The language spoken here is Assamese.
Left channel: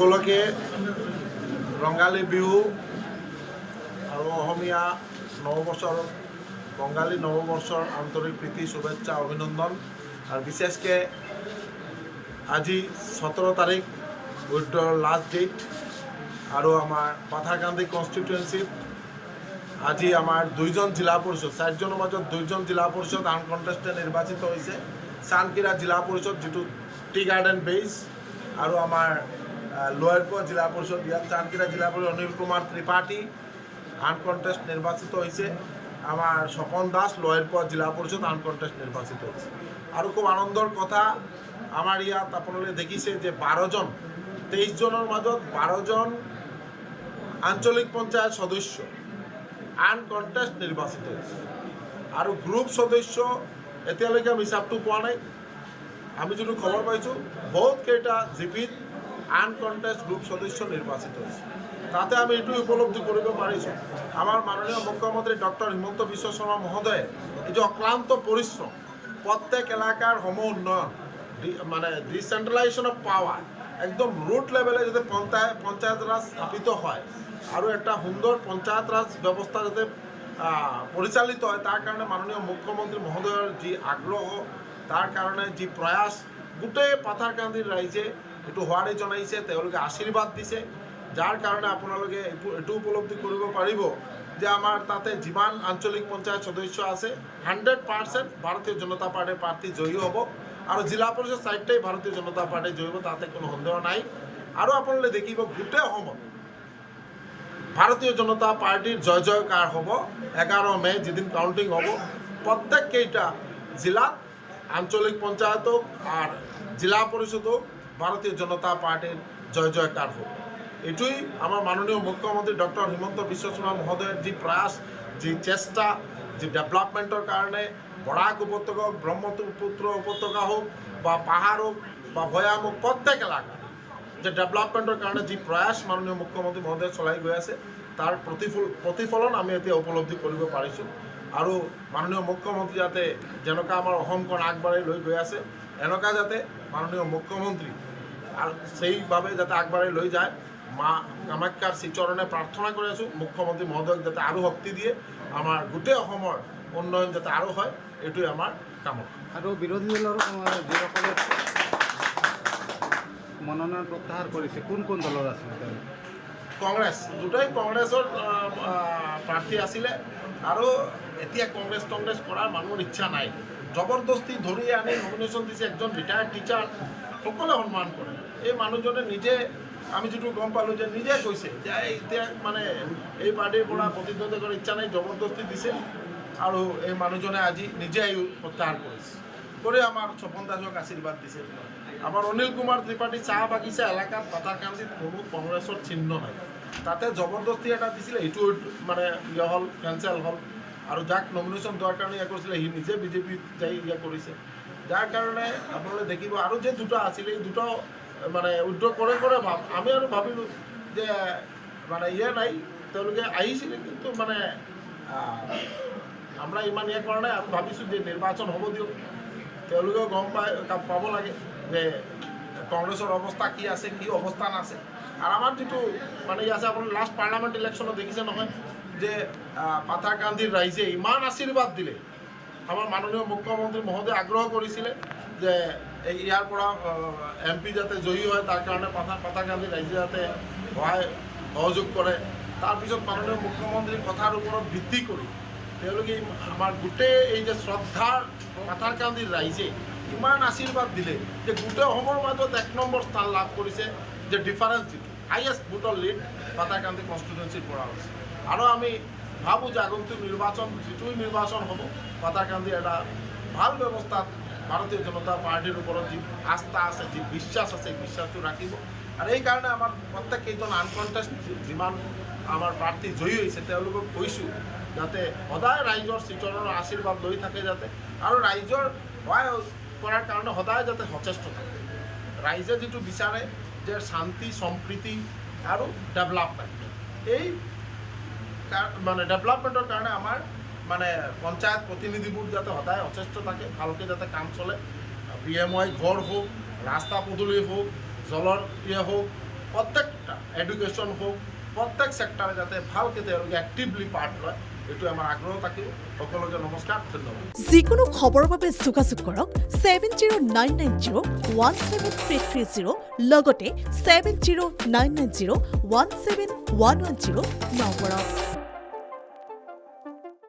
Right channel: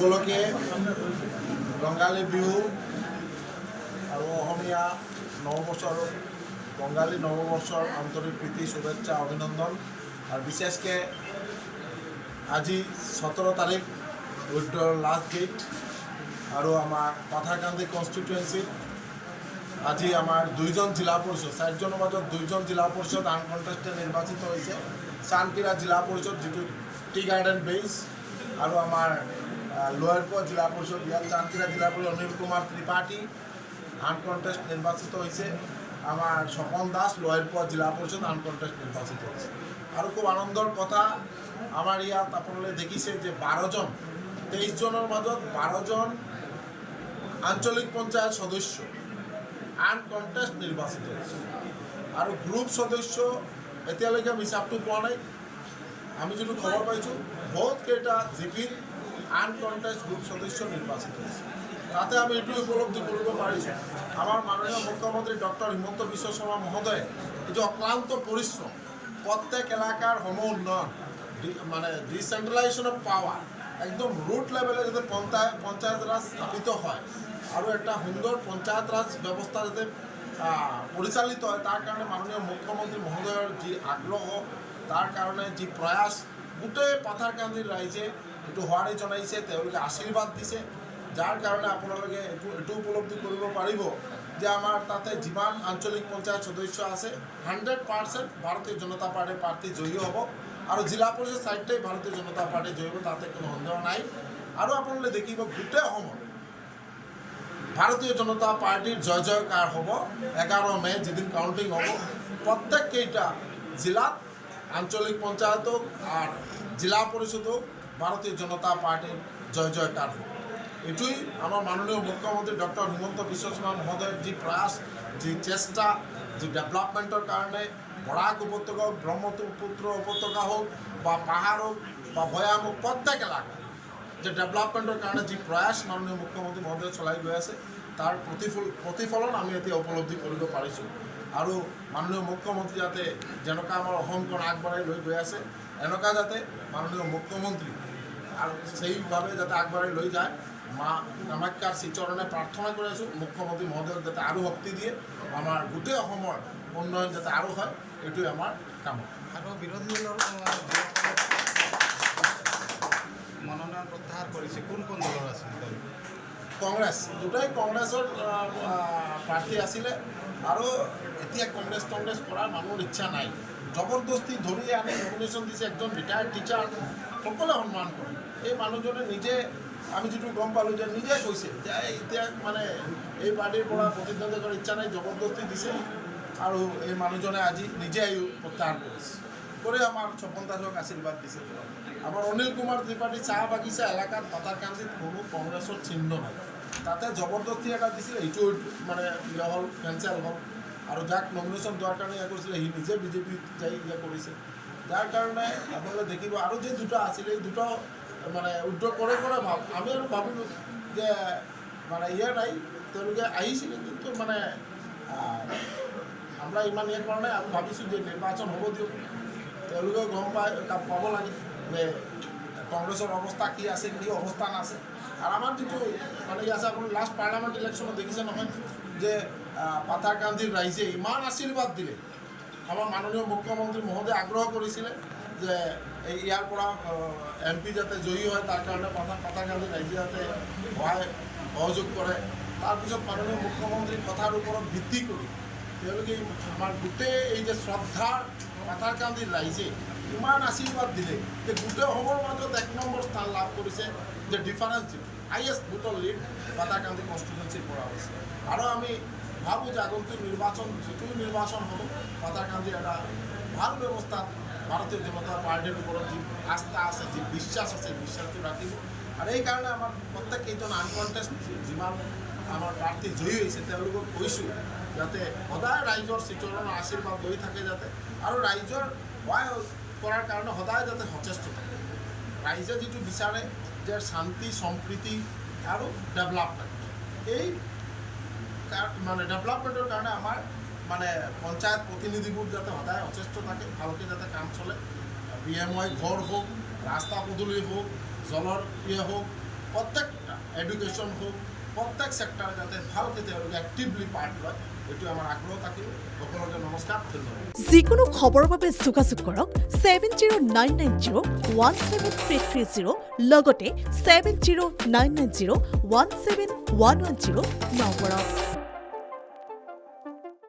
সকলোকে ৰঙালী বিহু আৰু অসমীয়া নৱবৰ্ষৰ বঙালী নৱবৰ্ষৰ আন্তৰিক প্ৰীতি শুভেচ্ছা অভিনন্দন। আৰু বিশেষকৈ আজি 17 তাৰিখ উইথড্ৰৰ লাষ্ট ডেট আৰু আমাৰ পাথাৰকান্দি কনষ্টিটুৱেঞ্চিত আজি আমাৰ 2জন জিলা পৰিষদ 4জনৰ মাজত 2জন জিলা পৰিষদ আনকণ্টেষ্টেড নিৰ্বাচিত হৈছে। চানকিৰা জিলা পৰিষদ যিটো টি গাৰ্ডেন বেইজ আৰু আমাৰ লোৱাৰপোৱা জিলা পৰিষদ ইয়াত চানকিৰা জিলা পৰিষদ অনিল কুমাৰ ত্ৰিপাঠী আনকণ্টেষ্ট নিৰ্বাচিত হৈছে। আমাৰ স্বপন দাস লোৱাৰপোৱা জিলা পৰিষদ আনকণ্টেষ্ট নিৰ্বাচিত হৈছে। আৰু খুব আনন্দৰ কথা আমাৰ ইয়াত আপোনালোকে দেখিছে যে 12জন 23জনৰ মাজত 12জন আঞ্চলিক পঞ্চায়ত সদস্য আনকণ্টেষ্ট নিৰ্বাচিত হৈছে। আৰু গ্ৰুপ সদস্য এতিয়ালৈকে আমি হিচাপটো পোৱা নাই। আমি যিটো খবৰ পাইছোঁ বহুতকেইটা জিপিত আনকণ্টেষ্ট গ্ৰুপ সদস্য নিৰ্বাচিত হৈছে। তাতে আমি এইটো উপলব্ধি কৰিব পাৰিছোঁ আমাৰ মাননীয় মুখ্যমন্ত্ৰী ডক্টৰ হিমন্ত বিশ্ব শৰ্মা মহোদয়ে এই যে অক্লান্ত পৰিশ্ৰম প্ৰত্যেক এলেকাৰ উন্নয়ন মানে ডিচেন্ট্ৰেলাইজেশ্যন অফ পাৱাৰ একদম ৰুট লেভেলে যাতে পঞ্চায়ত ৰাজ স্থাপিত হয় আৰু এটা সুন্দৰ পঞ্চায়ত ৰাজ ব্যৱস্থা যাতে পৰিচালিত হয় তাৰ কাৰণে মাননীয় মুখ্যমন্ত্ৰী মহোদয়ৰ যি আগ্ৰহ তাৰ কাৰণে যি প্ৰয়াস গোটেই পাথাৰকান্দিৰ ৰাইজে এইটো হোৱাৰি জনাইছে, তেওঁলোকে আশীৰ্বাদ দিছে। যাৰ কাৰণে আপোনালোকে এইটো উপলব্ধি কৰিব পাৰিব যে আমাৰ তাতে যিমান আঞ্চলিক পঞ্চায়ত সদস্য আছে 100% ভাৰতীয় জনতা পাৰ্টিৰ প্ৰাৰ্থী জয়ী হ'ব আৰু জিলা পৰিষদ 4টাই ভাৰতীয় জনতা পাৰ্টি জয়ী হ'ব, তাতে কোনো সন্দেহ নাই। আৰু আপোনালোকে দেখিব গোটেই অসমত ভাৰতীয় জনতা পাৰ্টিৰ জয় জয়কাৰ হ'ব। 11 মে যেদিন কাউণ্টিং হ'ব প্ৰত্যেককেইটা জিলাত আঞ্চলিক পঞ্চায়ত হোক আর জিলা পরিষদ হোক ভারতীয় জনতা পার্টির জয় জয়কার হোক। এটুই আমার মাননীয় মুখ্যমন্ত্রী ডক্টর হিমন্ত বিশ্ব শর্মা মহোদয়ের যে প্রয়াস, যে চেষ্টা, যে ডেভেলপমেন্টের কারণে বরাক উপত্যকা হোক, ব্রহ্মপুত্র উপত্যকা হোক বা পাহাড় হোক বা ভৈয়াম হোক প্রত্যেক এলাকা যে ডেভেলপমেন্টের কারণে যে প্রয়াস মাননীয় মুখ্যমন্ত্রী মহোদয় চলাই গৈ আছে তাৰ প্ৰতিফলন আমি এতিয়া উপলব্ধি কৰিব পাৰিছোঁ। আৰু মাননীয় মুখ্যমন্ত্ৰী যাতে যেনেকুৱা আমাৰ অসমখন আগবাঢ়াই লৈ গৈ আছে এনেকুৱা যাতে মাননীয় মুখ্যমন্ত্ৰী আৰু সেইভাৱে যাতে আগবাঢ়াই লৈ যায় মা কামাখ্যাৰ শ্ৰীচৰণে প্ৰাৰ্থনা কৰি আছোঁ। মুখ্যমন্ত্ৰী মহোদয়ক যাতে আৰু শক্তি দিয়ে, আমাৰ গোটেই অসমৰ উন্নয়ন যাতে আৰু হয়, এইটোৱে আমাৰ কামনা। আৰু বিৰোধী দলৰ যিসকলে মনোনয়ন প্ৰত্যাহাৰ কৰিছে কোন কোন দলৰ আছিল? কংগ্ৰেছ, দুটাই কংগ্ৰেছৰ প্ৰাৰ্থী আছিলে আৰু এতিয়া কংগ্ৰেছ কৰাৰ মানুহৰ ইচ্ছা নাই। জবৰদস্তি ধৰি আনি নমিনেশ্যন দিছে। একজন ৰিটায়াৰ্ড টিচাৰ, সকলোৱে সন্মান কৰে। এই মানুহজনে নিজে আমি যিটো গম পালোঁ যে নিজে কৈছে যে এতিয়া মানে এই পাৰ্টিৰ পৰা প্ৰতিদ্বন্দ্বিতা কৰাৰ ইচ্ছা নাই, জবৰদস্তি দিছে আৰু এই মানুহজনে আজি নিজে প্ৰত্যাহাৰ কৰিছে কৰি আমাৰ স্বপন দাসক আশীৰ্বাদ দিছে। আমাৰ অনিল কুমাৰ ত্ৰিপাঠী চাহ বাগিচা এলেকাত পাথাৰকান্দিত কোনো কংগ্ৰেছৰ চিহ্ন নাই, তাতে জবৰদস্তি এটা দিছিলে, এইটো মানে হ'ল কেঞ্চেল হ'ল। আৰু যাক নমিনেশ্যন দিয়াৰ কাৰণে কৰিছিলে সি নিজে বিজেপিত যাই কৰিছে। যাৰ কাৰণে আপোনালোকে দেখিব আৰু যে দুটা আছিলে এই দুটা মানে উদ্যোগ কৰে আমি আৰু ভাবিলোঁ যে মানে নাই, তেওঁলোকে আহিছিলে কিন্তু মানে আমৰা ইমান কৰা নাই। আমি ভাবিছোঁ যে নিৰ্বাচন হ'ব দিয়ক, তেওঁলোকেও গম পাব লাগে যে কংগ্ৰেছৰ অৱস্থা কি আছে, কি অৱস্থান আছে। আৰু আমাৰ যিটো মানে আছে আপোনাৰ লাষ্ট পাৰ্লামেণ্ট ইলেকশ্যনত দেখিছে নহয় যে পাথাৰকান্দিৰ ৰাইজে ইমান আশীৰ্বাদ দিলে। আমাৰ মাননীয় মুখ্যমন্ত্ৰী মহোদয়ে আগ্ৰহ কৰিছিলে যে ইয়াৰ পৰা MP যাতে জয়ী হয় তাৰ কাৰণে পাথাৰকান্দিৰ ৰাইজে যাতে সহযোগ কৰে। তাৰপিছত মাননীয় মুখ্যমন্ত্ৰীৰ কথাৰ ওপৰত ভিত্তি কৰি তেওঁলোকে আমাৰ গোটেই এই যে শ্ৰদ্ধাৰ পাথাৰকান্দিৰ ৰাইজে ইমান আশীৰ্বাদ দিলে যে গোটেই অসমৰ মাজত 1 নম্বৰ স্থান লাভ কৰিছে, যে ডিফাৰেঞ্চ হাইয়েষ্ট ভোটৰ লিড পাথাৰকান্দি কনষ্টিটুৱেঞ্চিৰ পৰা হৈছে। আৰু আমি ভাবোঁ যে আগন্তুক নিৰ্বাচন যিটোই নিৰ্বাচন হ'ব পাথাৰকান্দি এটা ভাল ব্যৱস্থাত ভাৰতীয় জনতা পাৰ্টিৰ ওপৰত যি আস্থা আছে, যি বিশ্বাস আছে, এই বিশ্বাসটো ৰাখিব। আৰু এইকাৰণে আমাৰ প্ৰত্যেককেইজন আনকণ্টেষ্ট যিমান আমাৰ প্ৰাৰ্থী জয়ী হৈছে তেওঁলোকক কৈছোঁ যাতে সদায় ৰাইজৰ শ্ৰীচৰণৰ আশীৰ্বাদ লৈ থাকে যাতে, আৰু ৰাইজৰ সহায় কৰাৰ কাৰণে সদায় যাতে সচেষ্ট থাকে। ৰাইজে যিটো বিচাৰে যে শান্তি সম্প্ৰীতি আৰু ডেভেলপমেণ্ট, এই মানে ডেভেলপমেণ্টৰ কাৰণে আমাৰ মানে পঞ্চায়ত প্ৰতিনিধিবোৰ যাতে সদায় সচেষ্ট থাকে, ভালকৈ যাতে কাম চলে। PMY ঘৰ হোক, ৰাস্তা পদূলি হোক, জলৰ হোক, প্ৰত্যেক এডুকেশ্যন হওক প্ৰত্যেক চেক্টৰে যাতে ভালকৈ তেওঁলোকে এক্টিভলি পাৰ্ট লয় এইটো আমাৰ আগ্ৰহ থাকিব সকলোকে নমস্কাৰ ধন্যবাদ যিকোনো খবৰৰ বাবে যোগাযোগ কৰক 7099017330 লগতে 7099017110 নম্বৰত